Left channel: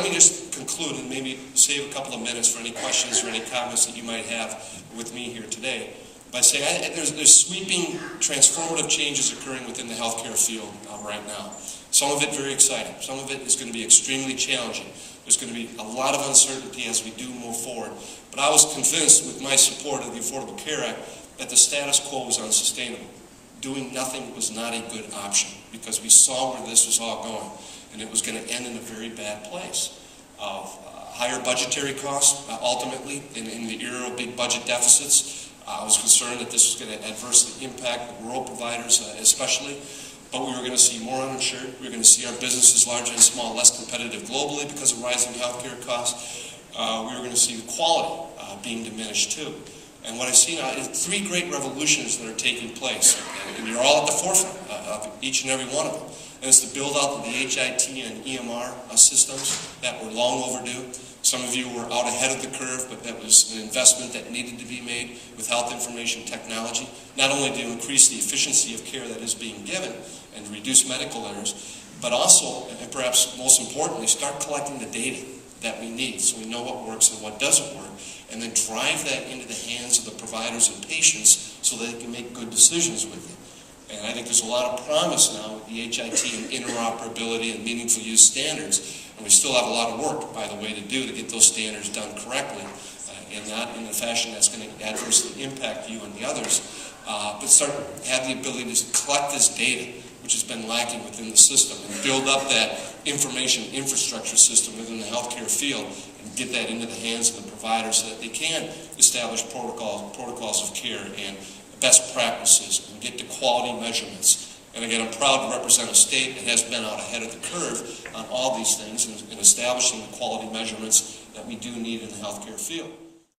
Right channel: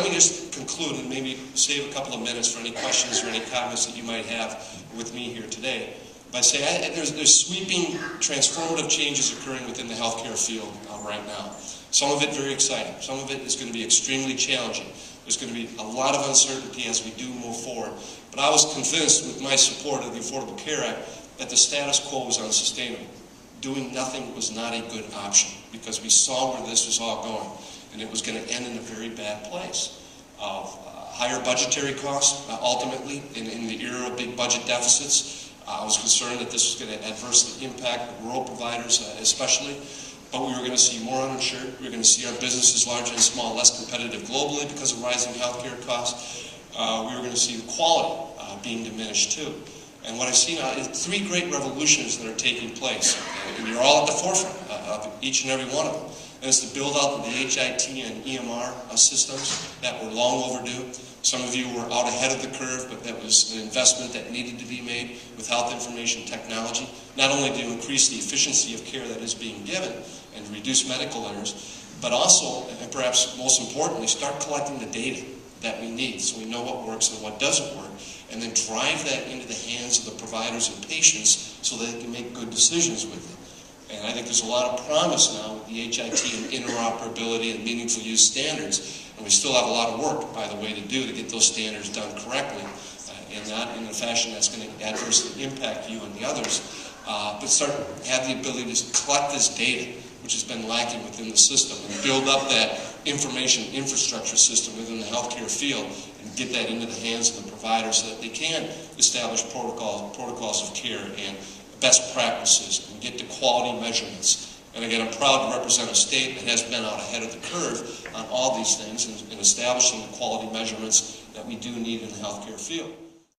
let me just conclude and maybe save a couple of minutes for any questions or any comments that you might have with me here today by saying there's sweeping, transformative changes occurring within the healthcare field right now. Some of it very exciting. Some of it is going to be extremely challenging. There's going to be a lot of uncertainty as we do move forward. But I was convinced with my support of the Affordable Care Act that the status quo was unsustainable. Doing nothing was not a good option because we saw where this was all going, and it was going to end in a very bad place of higher budgetary costs, ultimately, in the era of big budget deficits. I was concerned that this was going to adversely impact the rural providers especially, but we were going to see more uninsured. We were going to see our businesses, large and small, less competitive globally because of rising healthcare costs. We were going to see the quality being diminished too. And what I see now is three great revolutions that are taking place, and you're all at the forefront of each and every one of them. And it's the build out of the HIT and EMR systems that were long overdue. Some of you were out ahead of the curve, but that was an investment that needed to be made with health information technology, not only to increase the efficiency of care that is being given and to reduce medical errors, but also, and perhaps most importantly, start collecting the data that we need so we know what works and what doesn't work, and then drive that into the hands of the providers and patients so that they can make good decisions with it. And I think there's a lot of promise now with the HIT and interoperability and meaningful use standards, and we still have a lot of work, by the way, to do to get those standards done correctly, and not in a fashion that's going to adversely impact you and the others, but start have the ability to collect this data, which has been lacking within the system, and build up that information infrastructure system within the healthcare field and get that into the hands of the providers so that they can establish protocols of care and best practices and get to quality measurements. And again, I'm proud to represent a state that has been out ahead of the curve on all these things in establishing the quality measurements that we do need in the healthcare field.